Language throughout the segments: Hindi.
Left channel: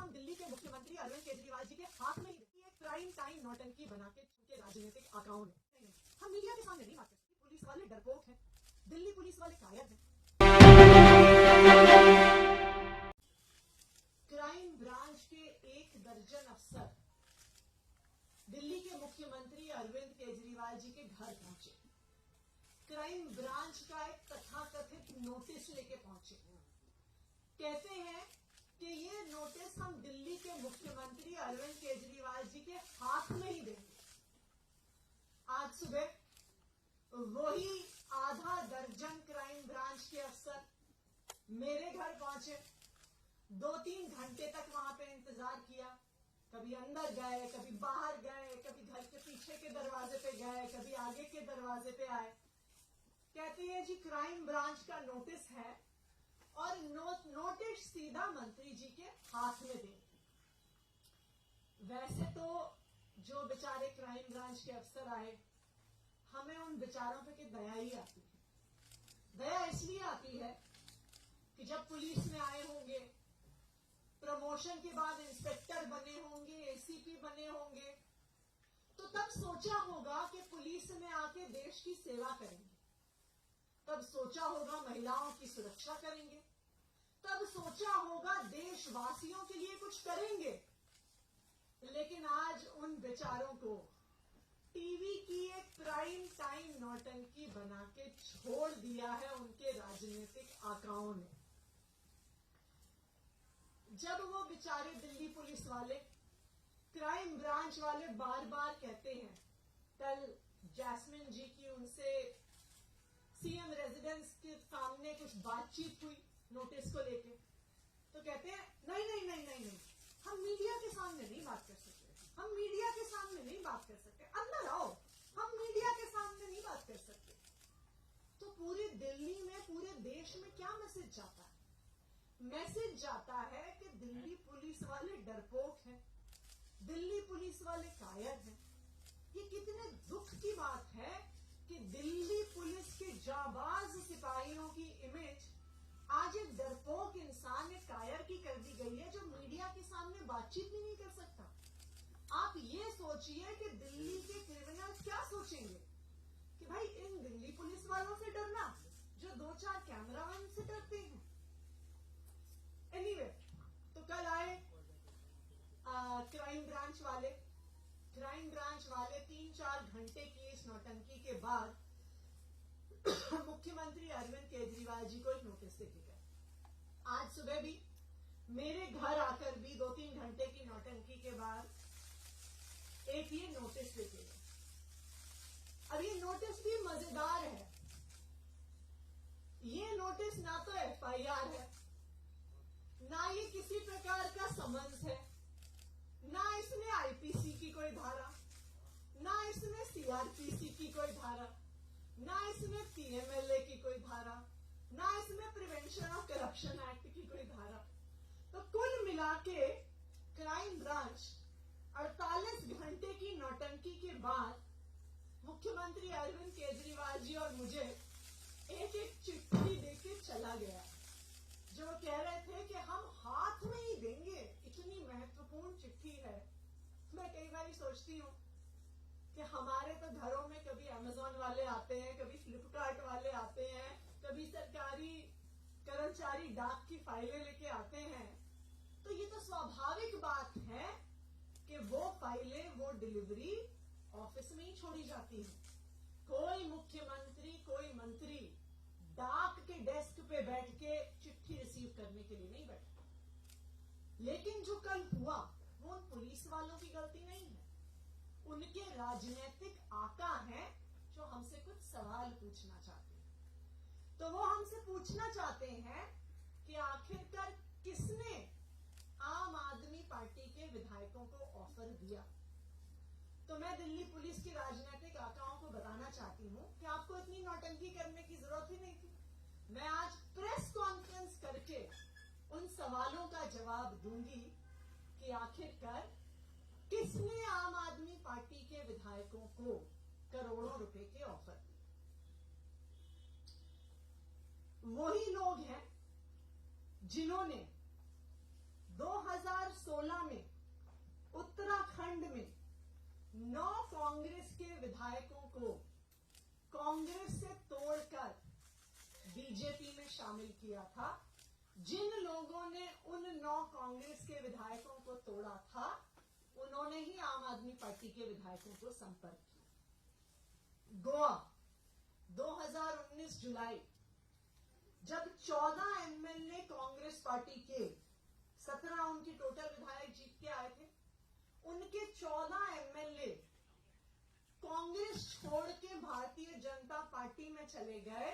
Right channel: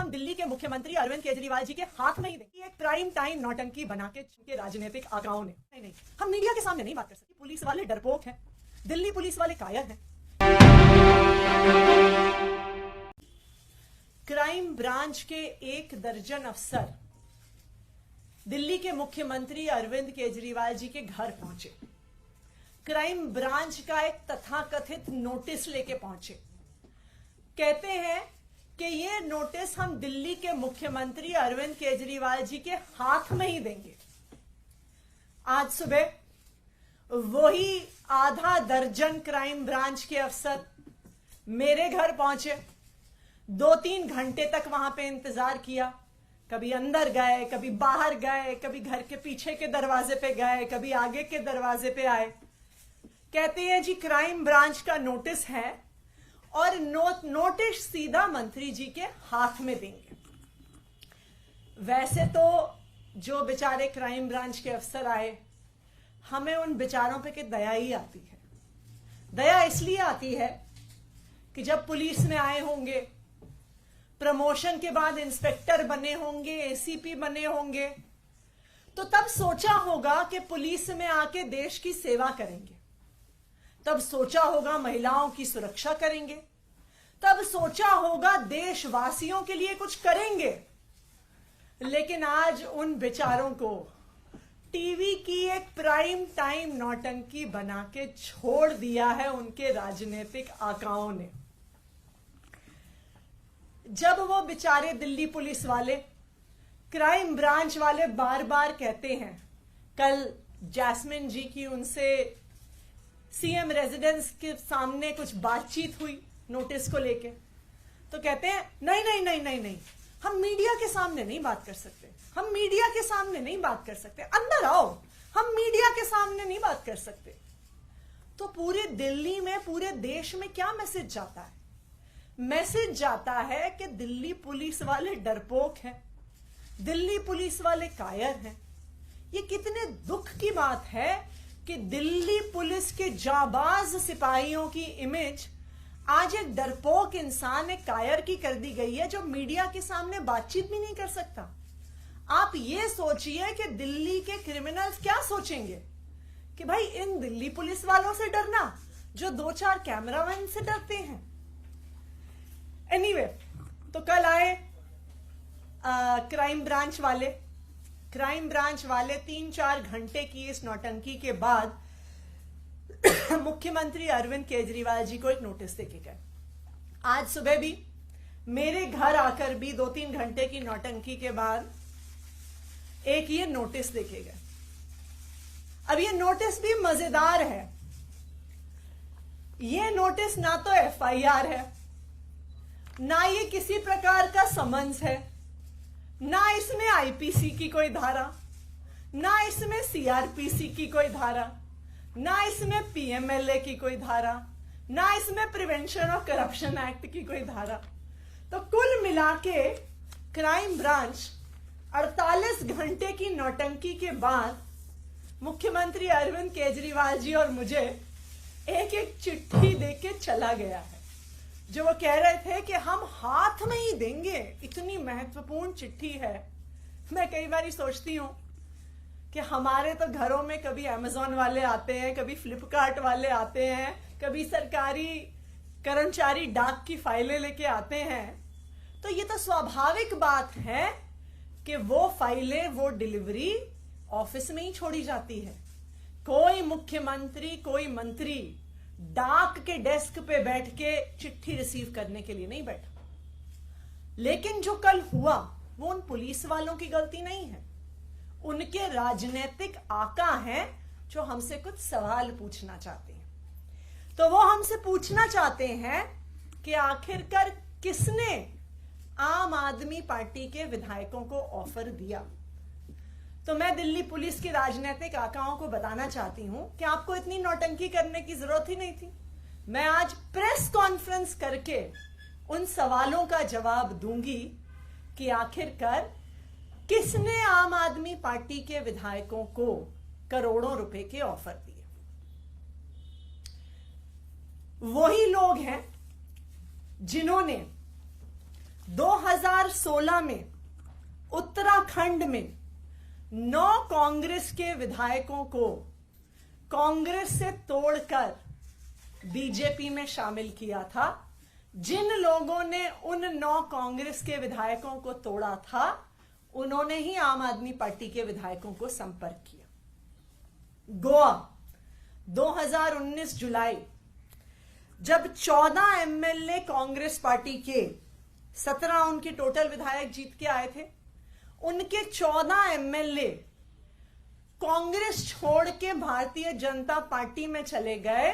हम दिल्ली के मुख्यमंत्री अरविंद केजरीवाल जी के हाथ में ही देंगे। एक प्राइम टाइम नौटंकी बना के राजनीतिक आकाओं ने नहीं, हम मीडिया के सामने नहीं बात कर सकते। पुलिस वाले डरपोक हैं, दिल्ली पुलिस वाले कायर हैं। क्राइम ब्रांच के 1 दर्जन अफसर दिल्ली के मुख्यमंत्री अरविंद केजरीवाल जी के घर पहुंचे। क्राइम ब्रांच का एक तथाकथित नोटिस लेके पहुंचे। कहते हैं कि ये नोटिस हम दिल्ली के मुख्यमंत्री अरविंद केजरीवाल जी के हाथ में ही देंगे। आज सुबह वही आधा दर्जन क्राइम ब्रांच के अफसर मेरे घर पहुंचे। 2-3 घंटे तक वहां पे इंतजार किया। कभी अंदर गए, कभी बाहर गए, कभी घर के पीछे के दरवाजे पे गए, कभी आगे के दरवाजे पे आए। कहते हैं जी क्राइम ब्रांच का नोटिस है और नोटिस सीधा मंत्री जी के हाथ में देंगे। वैसे तो जो बेचारे क्राइम ब्रांच के अफसर आए, हमें उन बेचारों पे की दया ही आती है। दया इसलिए आती है कि जब पुलिस में आए होंगे, प्रमोशन के बाद इंस्पेक्टर बने होंगे, एसीपी बने होंगे, तो तब सोचा होगा कि पुलिस में आके देश की सेवा करेंगे। तब सोचा होगा महिलाओं की सुरक्षा करेंगे। तब सोचा होगा देशवासियों के लिए कुछ करेंगे। लेकिन आज उन बेचारों को टीवी की एक प्राइम टाइम नौटंकी बना के छोड़ दिया है उनके राजनीतिक आकाओं ने। जब वो बेचारे दिल्ली पुलिस वाले, क्राइम ब्रांच वाले बार बार कहते हैं, कल जैस्मिन जी की उनसे सीएम रेजिडेंस के सामने कुछ बातचीत हुई नोटिस को लेके, तो कहते हैं नहीं नहीं नहीं नहीं नहीं, हम मीडिया के सामने नहीं बात कर सकते, हम मीडिया के सामने नहीं बात कर सकते, अंदर आओ, हम मीडिया के सामने नहीं बात कर सकते। तो पूरे दिल्ली में, पूरे देश में क्या मैसेज जाता है? मैसेज जाता है कि दिल्ली पुलिस वाले डरपोक हैं, दिल्ली पुलिस वाले कायर हैं। ये कितने दुख की बात है कि दिल्ली पुलिस के जाबाज सिपाहियों की इमेज आज एक डरपोक इंसान, एक कायर की कर दी गई है, जो मीडिया के सामने बातचीत भी नहीं कर सकता। आप ये सोचिए कि दिल्ली के क्रिमिनल्स क्या सोचेंगे कि भाई इन दिल्ली पुलिस वालों से डरना जो 2-4 कैमरामैन से डरते हैं। एनीवे, तो कल आए क्राइम ब्रांच वाले 3-4 घंटे की इस नौटंकी के बाद मुख्यमंत्री अरविंद केजरीवाल जी को एक नोटिस देके गए। आज सुबह भी मेरे घर आकर भी 2-3 घंटे की नौटंकी के बाद एक ये नोटिस देके गए। अब ये नोटिस भी मजेदार है। ये नोटिस ना तो एफआईआर है, ना ये किसी प्रकार का समन्स है, ना इसमें आईपीसी की कोई धारा, ना इसमें सीआरपीसी की कोई धारा, ना इसमें पीएमएलए की कोई धारा, ना इसमें प्रिवेंशन ऑफ करप्शन एक्ट की कोई धारा। तो कुल मिला के क्राइम ब्रांच 48 घंटे की नौटंकी के बाद मुख्यमंत्री अरविंद केजरीवाल जी और मुझे एक चिट्ठी देके चला गया है, जो वो कह रहे थे कि हम हाथ में ही देंगे। इतनी महत्वपूर्ण चिट्ठी है। मैं कई बार सोचती हूँ कि हमारे तो घरों में कभी अमेज़न वाले आते हैं, कभी फ्लिपकार्ट वाले आते हैं, कभी सरकारी कर्मचारी डाक की फाइलें लेके आते हैं। तो ये तो स्वाभाविक बात है कि वो फाइलें, वो डिलीवरी ऑफिस में ही छोड़ी जाती है। कोई मुख्यमंत्री, कोई मंत्री डाक के डेस्क पे बैठ के चिट्ठी रिसीव करने के लिए नहीं बैठा। लेकिन जो कल हुआ वो उन पुलिस वालों की गलती नहीं है, उनके राजनीतिक आका हैं जो हमसे कुछ सवाल पूछना चाहते हैं। तो वो हमसे पूछना चाहते हैं कि आखिरकार किसने आम आदमी पार्टी के विधायकों को ऑफर दिया। तो मैं दिल्ली पुलिस के राजनीतिक आकाओं को बताना चाहती हूं कि आपको इतनी नौटंकी करने की जरूरत ही नहीं थी। मैं आज प्रेस कॉन्फ्रेंस करके उन सवालों का जवाब दूंगी कि आखिरकार किसने आम आदमी पार्टी के विधायकों को करोड़ों रुपए के ऑफर दिए। वही लोग हैं जिन्होंने 2000 2016 में उत्तराखंड में 9 कांग्रेस के विधायकों को कांग्रेस से तोड़कर बीजेपी में शामिल किया था। जिन लोगों ने उन 9 कांग्रेस के विधायकों को तोड़ा था, उन्होंने ही आम आदमी पार्टी के विधायकों को संपर्क किया। गोवा 2019 जुलाई, जब 14 एमएलए कांग्रेस पार्टी के 17 उनके टोटल विधायक जीत के आए थे, उनके 14 एमएलए कांग्रेस छोड़ के भारतीय जनता पार्टी में चले गए।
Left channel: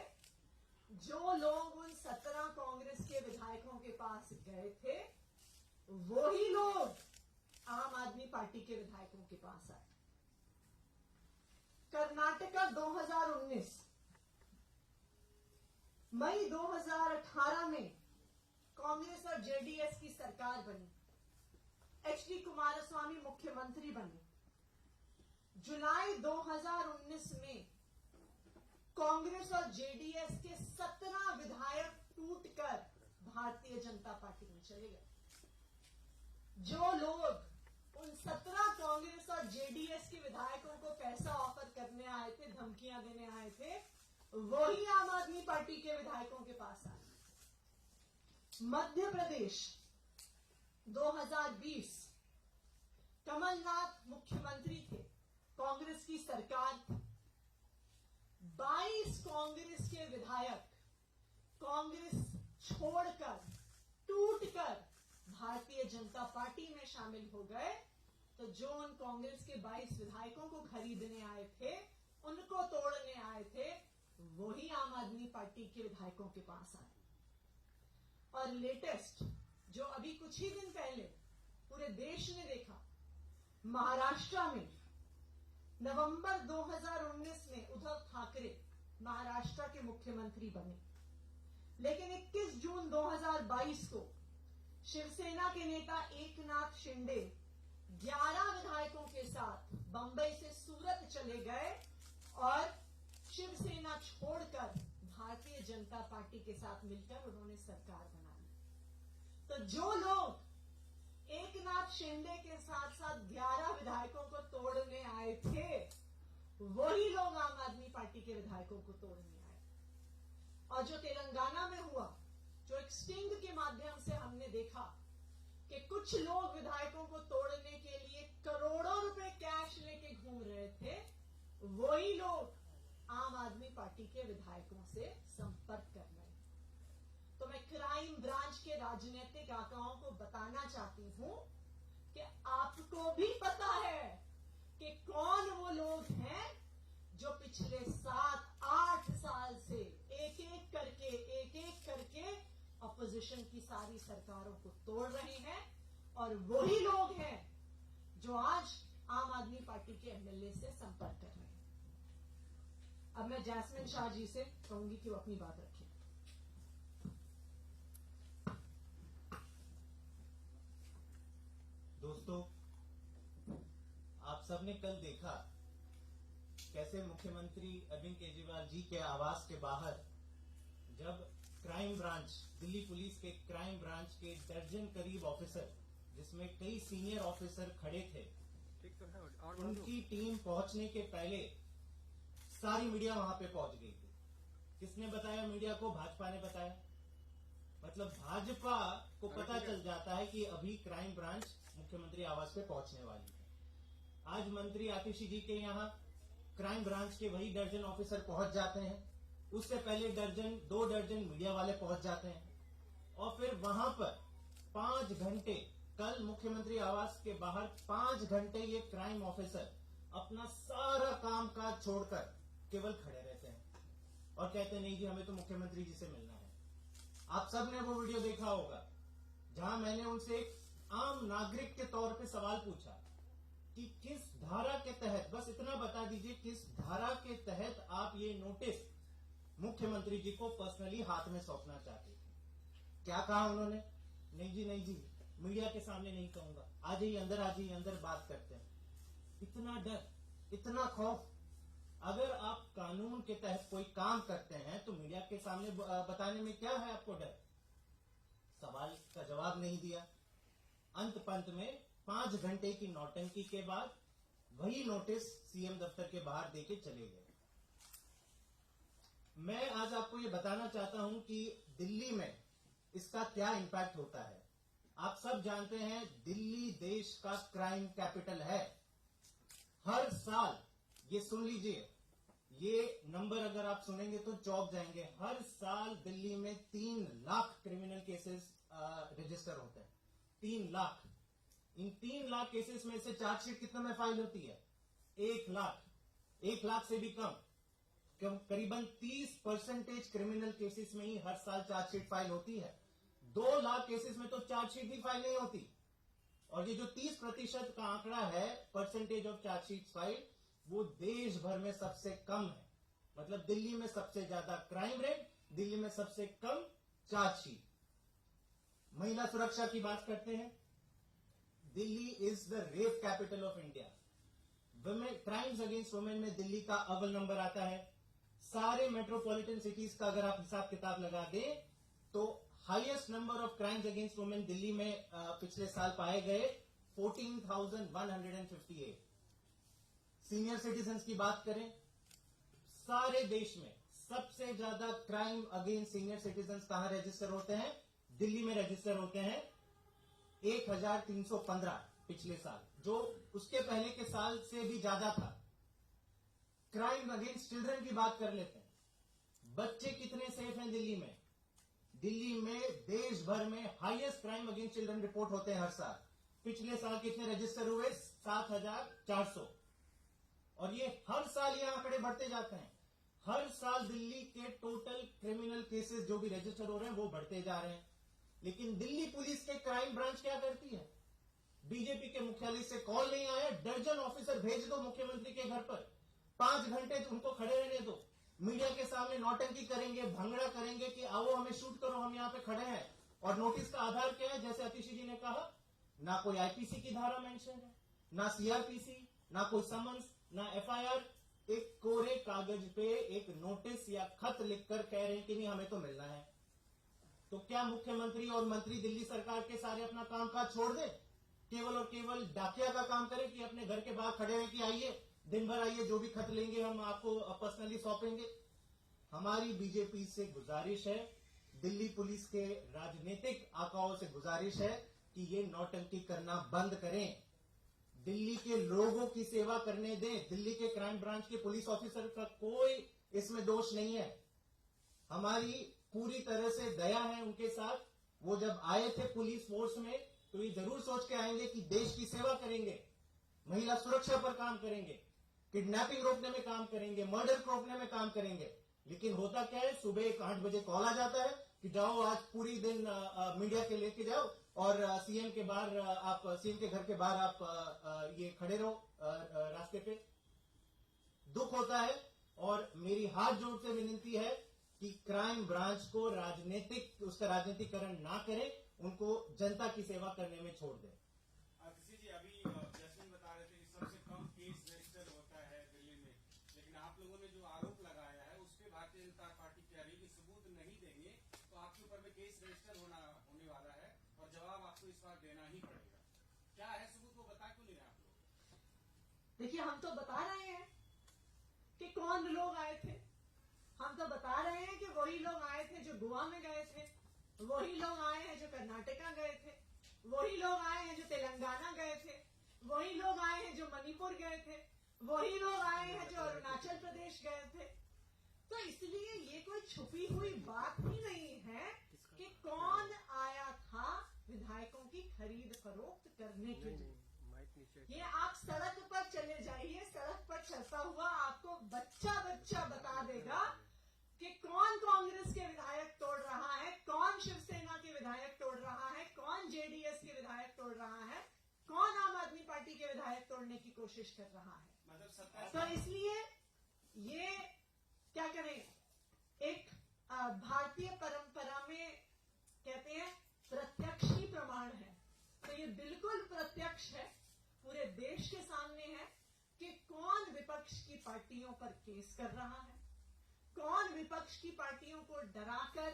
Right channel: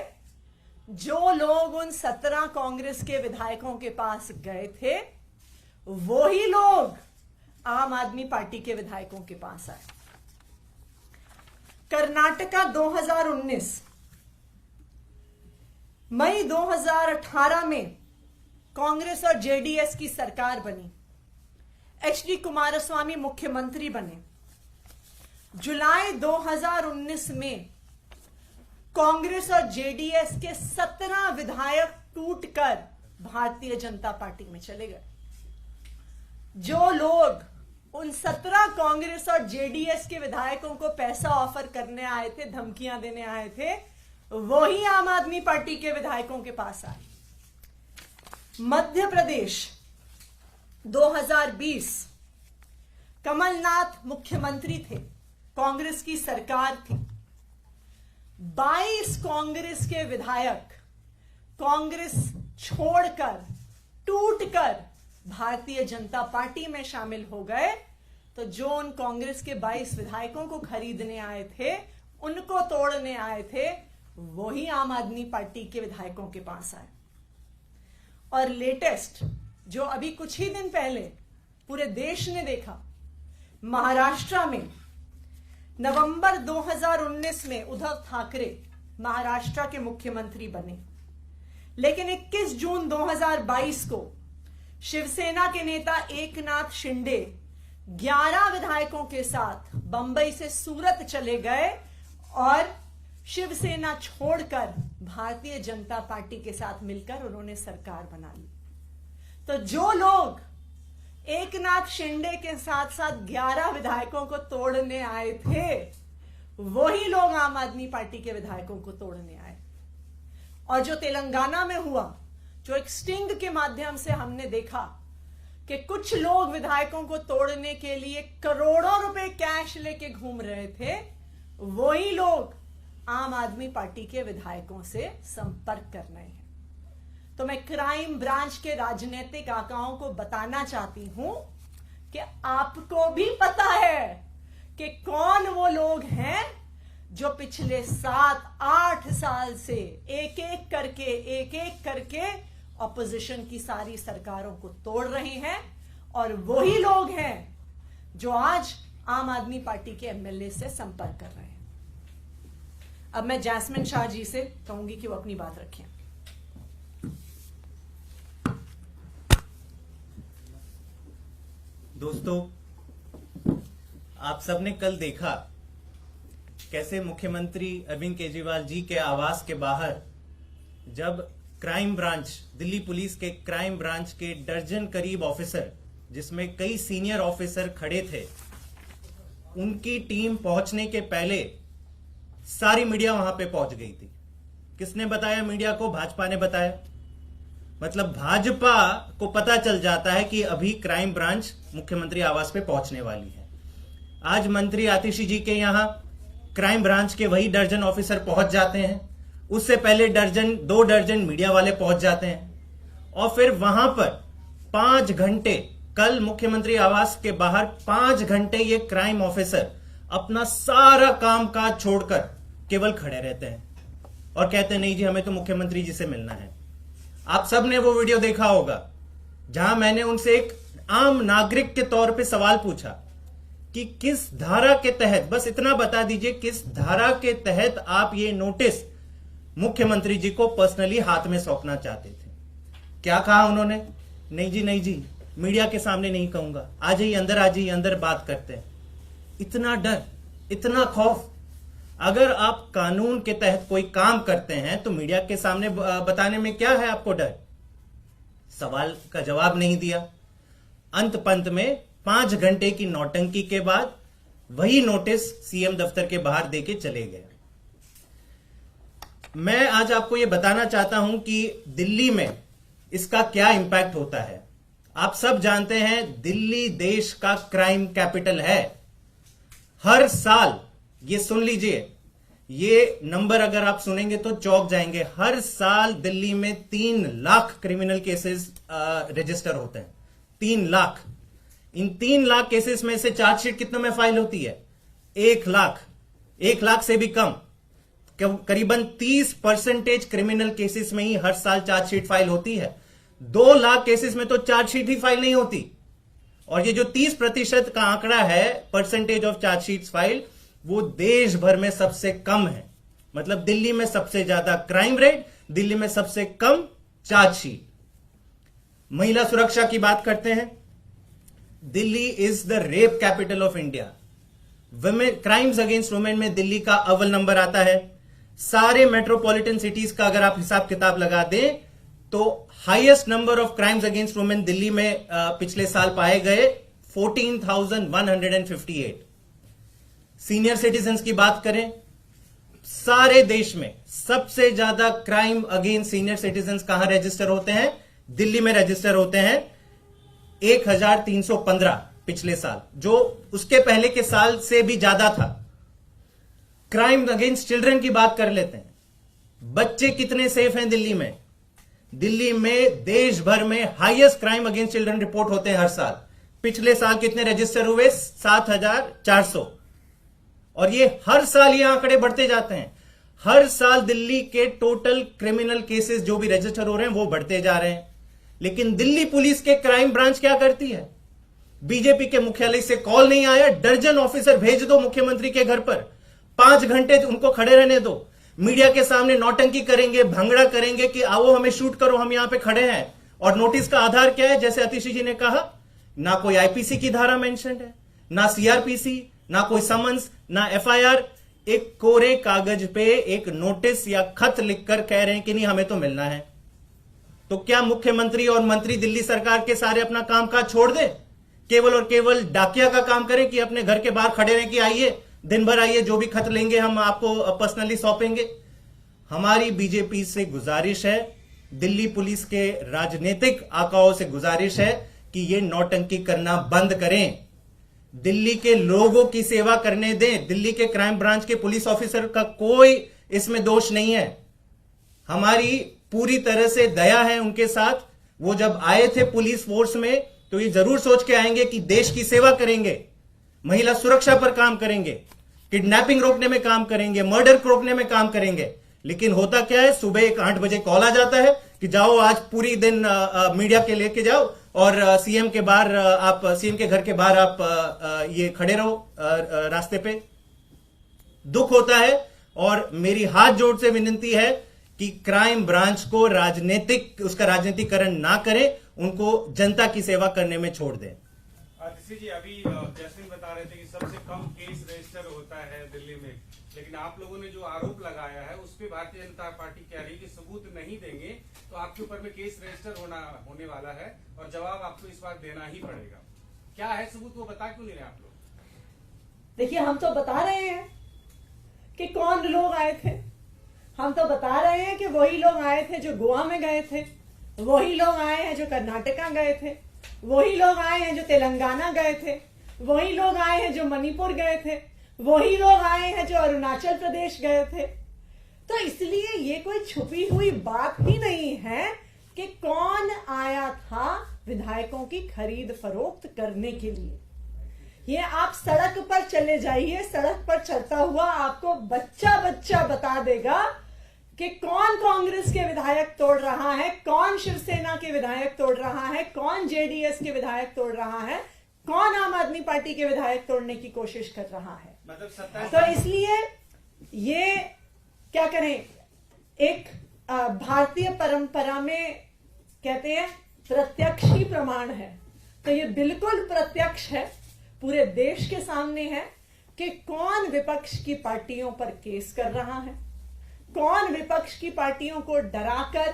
जो लोग उन 17 कांग्रेस के विधायकों के पास गए थे, वही लोग आम आदमी पार्टी के विधायकों के पास आए। कर्नाटका 2019, मई 2018 में कांग्रेस और जेडीएस की सरकार बनी। एचडी कुमारस्वामी मुख्यमंत्री बने। जुलाई 2019 में कांग्रेस और जेडीएस के 17 विधायक टूटकर भारतीय जनता पार्टी में चले गए। जो लोग उन 17 कांग्रेस और जेडीएस के विधायकों को पैसा ऑफर करने आए थे, धमकियां देने आए थे, वही आम आदमी पार्टी के विधायकों के पास आए। मध्य प्रदेश 2020, कमलनाथ मुख्यमंत्री थे, कांग्रेस की सरकार थी। 22 कांग्रेस के विधायक कांग्रेस छोड़कर, टूटकर भारतीय जनता पार्टी में शामिल हो गए। तो जो उन कांग्रेस के 22 विधायकों को खरीदने आए थे, उनको तोड़ने आए थे, वही आम आदमी पार्टी के विधायकों के पास आए। और लेटेस्ट, जो अभी कुछ ही दिन पहले पूरे देश ने देखा, महाराष्ट्र में नवंबर 2019 में उद्धव ठाकरे महाराष्ट्र के मुख्यमंत्री बने। लेकिन 21 जून 2022 को शिवसेना के नेता एकनाथ शिंदे 11 विधायकों के साथ बंबई से सूरत चले गए और शिवसेना छोड़कर भारतीय जनता पार्टी के साथ मिलकर उन्होंने सरकार बना ली। तो जो लोग एकनाथ शिंदे के साथ साथ 11 विधायकों को तोड़ने आए थे, वही लोग आम आदमी पार्टी के विधायकों को तोड़ने आए। और जो तेलंगाना में हुआ, जो एक स्टिंग के माध्यम से हमने देखा कि कुछ लोग विधायकों को तोड़ने के लिए करोड़ों रुपए कैश लेके घूम रहे थे, वही लोग आम आदमी पार्टी के विधायकों से संपर्क कर रहे हैं। तो मैं क्राइम ब्रांच के राजनीतिक आकाओं को बताना चाहती हूं कि आपको भी पता है कि कौन वो लोग हैं जो पिछले 7-8 साल से एक एक करके ऑपोजिशन की सारी सरकारों को तोड़ रहे हैं। और वही लोग हैं जो आज आम आदमी पार्टी के एमएलए से संपर्क कर रहे हैं। अब मैं जैस्मिन शाह जी से कहूंगी कि वो अपनी बात रखें। दोस्तों, आप सबने कल देखा कैसे मुख्यमंत्री अरविंद केजरीवाल जी के आवास के बाहर जब क्राइम ब्रांच, दिल्ली पुलिस के क्राइम ब्रांच के दर्जन करीब ऑफिसर, जिसमें कई सीनियर ऑफिसर खड़े थे, उनकी टीम पहुंचने के पहले सारी मीडिया वहां पे पहुंच गई थी। किसने बताया मीडिया को? भाजपा ने बताया। मतलब भाजपा को पता चल जाता है कि अभी क्राइम ब्रांच मुख्यमंत्री आवास पे पहुंचने वाली है। आज मंत्री आतिशी जी के यहां क्राइम ब्रांच के वही दर्जन ऑफिसर पहुंच जाते हैं। उससे पहले 2 दर्जन मीडिया वाले पहुंच जाते हैं। और फिर वहां पर 5 घंटे, कल मुख्यमंत्री आवास के बाहर 5 घंटे ये क्राइम ऑफिसर अपना सारा काम काज छोड़कर केवल खड़े रहते हैं और कहते हैं नहीं जी, हमें तो मुख्यमंत्री जी से मिलना है। आप सब ने वो वीडियो देखा होगा जहां मैंने उनसे एक आम नागरिक के तौर पे सवाल पूछा कि किस धारा के तहत, बस इतना बता दीजिए, किस धारा के तहत आप ये नोटिस मुख्यमंत्री जी को पर्सनली हाथ में सौंपना चाहते थे। क्या कहा उन्होंने? नहीं जी, मीडिया के सामने नहीं कहूंगा, आ जाइए अंदर बात करते हैं। इतना डर, इतना खौफ। अगर आप कानून के तहत कोई काम करते हैं तो मीडिया के सामने बताने में क्या है आपको डर? सवाल का जवाब नहीं दिया। अंत पंत में 5 घंटे की नौटंकी के बाद वही नोटिस सीएम दफ्तर के बाहर देके चले गए। मैं आज आपको यह बताना चाहता हूं कि दिल्ली में इसका क्या इंपैक्ट होता है। आप सब जानते हैं दिल्ली देश का क्राइम कैपिटल है। हर साल, ये सुन लीजिए, ये नंबर अगर आप सुनेंगे तो चौंक जाएंगे, हर साल दिल्ली में 3 लाख क्रिमिनल केसेस रजिस्टर होते हैं। 3 लाख। इन 3 लाख केसेस में से चार्जशीट कितनों में फाइल होती है? 1 लाख। 1 लाख से भी कम, करीबन 30% क्रिमिनल केसेस में ही हर साल चार्जशीट फाइल होती है। 2 लाख केसेस में तो चार्जशीट ही फाइल नहीं होती। और ये जो 30% का आंकड़ा है, परसेंटेज ऑफ चार्जशीट फाइल, वो देश भर में सबसे कम है। मतलब दिल्ली में सबसे ज्यादा क्राइम रेट, दिल्ली में सबसे कम चार्जशीट। महिला सुरक्षा की बात करते हैं। Delhi is the rape capital of India. Women crimes against women में दिल्ली का अव्वल नंबर आता है। सारे मेट्रोपॉलिटन सिटीज का अगर आप हिसाब किताब लगा दें तो highest number of crimes against women Delhi में पिछले साल पाए गए 14,158। सीनियर सिटीजन्स की बात करें, सारे देश में सबसे ज्यादा क्राइम अगेंस्ट सीनियर सिटीजन्स कहां रजिस्टर होते हैं? दिल्ली में रजिस्टर होते हैं 1,315 पिछले साल, जो उसके पहले के साल से भी ज्यादा था। क्राइम अगेंस्ट चिल्ड्रन की बात कर लेते हैं। बच्चे कितने सेफ हैं दिल्ली में? दिल्ली में देश भर में highest crime against children report होते हैं हर साल। पिछले साल कितने रजिस्टर हुए? 7,400। और ये हर साल ये आंकड़े बढ़ते जाते हैं। हर साल दिल्ली के टोटल क्रिमिनल केसेस जो भी रजिस्टर हो रहे हैं वो बढ़ते जा रहे हैं। लेकिन दिल्ली पुलिस के क्राइम ब्रांच क्या करती है? बीजेपी के मुख्यालय से कॉल नहीं आया, दर्जन ऑफिसर भेज दो मुख्यमंत्री के घर पर, 5 घंटे उनको खड़े रहने दो, मीडिया के सामने नौटंकी करेंगे, भंगड़ा करेंगे कि आओ हमें शूट करो, हम यहां पे खड़े हैं। और नोटिस का आधार क्या है? जैसे अतिशी जी ने कहा, ना कोई आईपीसी की धारा मेंशन है, ना सीआरपीसी, ना कोई समन्स, ना एफआईआर। एक कोरे कागज पे एक नोटिस या खत लिखकर कह रहे हैं कि नहीं हमें तो मिलना है। तो क्या मुख्यमंत्री और मंत्री दिल्ली सरकार के सारे अपना कामकाज छोड़ दें, केवल और केवल डाकिया का काम करें कि अपने घर के बाहर खड़े रहें कि आइए दिन भर आइए, जो भी खत लेंगे हम आपको पर्सनली सौंपेंगे? हमारी बीजेपी से गुजारिश है, दिल्ली पुलिस के राजनीतिक आकाओं से गुजारिश है कि ये नौटंकी करना बंद करें, दिल्ली के लोगों की सेवा करने दें। दिल्ली के क्राइम ब्रांच के पुलिस ऑफिसर का कोई इसमें दोष नहीं है। हमारी पूरी तरह से दया है उनके साथ। वो जब आए थे पुलिस फोर्स में तो ये जरूर सोच के आएंगे कि देश की सेवा करेंगे, महिला सुरक्षा पर काम करेंगे, किडनैपिंग रोकने में काम करेंगे, मर्डर को रोकने में काम करेंगे। लेकिन होता क्या है, सुबह एक 8 बजे कॉल आ जाता है कि जाओ आज पूरी दिन मीडिया के लेके जाओ और सीएम के बाहर आप सीएम के घर के बाहर आप ये खड़े रहो रास्ते पे। दुख होता है और मेरी हाथ जोड़ से विनती है कि क्राइम ब्रांच को उसका राजनीतिकरण ना करें, उनको जनता की सेवा करने में छोड़ दें। आतिशी जी, अभी जैस्मिन बता रहे थे कि सबसे कम केस रजिस्टर होता है दिल्ली में, लेकिन आप लोगों ने जो आरोप लगाया है उस पे भारतीय जनता पार्टी कह रही है कि सबूत नहीं देंगे तो आपके ऊपर में केस रजिस्टर होने वाला है और जवाब आपको इस बार देना ही पड़ेगा। क्या है सबूत, वो बता क्यों नहीं रहे आप लोग? देखिए, हम तो बता रहे हैं कि कौन लोग आए थे। हम तो बता रहे हैं कि वही लोग आए थे जो गोवा में गए थे, वही लोग आए हैं जो कर्नाटका गए थे, वही लोग आए हैं जो तेलंगाना गए थे, वही लोग आए हैं जो मणिपुर गए थे, वही लोग आए हैं जो अरुणाचल प्रदेश गए थे। तो इसलिए ये कोई छुपी हुई बात ही नहीं है कि कौन आया था विधायकों की खरीद फरोख्त करने के लिए। ये आप सड़क पर चले जाइए, सड़क पर चलता हुआ आपको बच्चा बच्चा बता देगा कि कौन कांग्रेस के विधायक तोड़ रहा है, कौन शिवसेना के विधायक तोड़ रहा है, कौन जेडीएस के विधायक तोड़ रहा है, कौन आम आदमी पार्टी के विधायक तोड़ने की कोशिश कर रहा है। मतलब तो इसलिए ये क्या करें, एक भारतीय परंपरा में कहते हैं प्रत्यक्ष ही प्रमाण है, तो ये बिल्कुल प्रत्यक्ष है, पूरे देश के सामने है कि कौन विपक्ष की पार्टियों पर केस कर रहा है, कौन विपक्ष की पार्टियों को डराकर,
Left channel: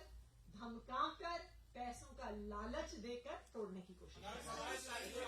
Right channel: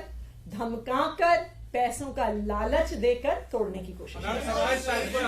धमकाकर पैसों का लालच देकर तोड़ने की कोशिश उन्होंने कर रहे हैं। 27 तारीख को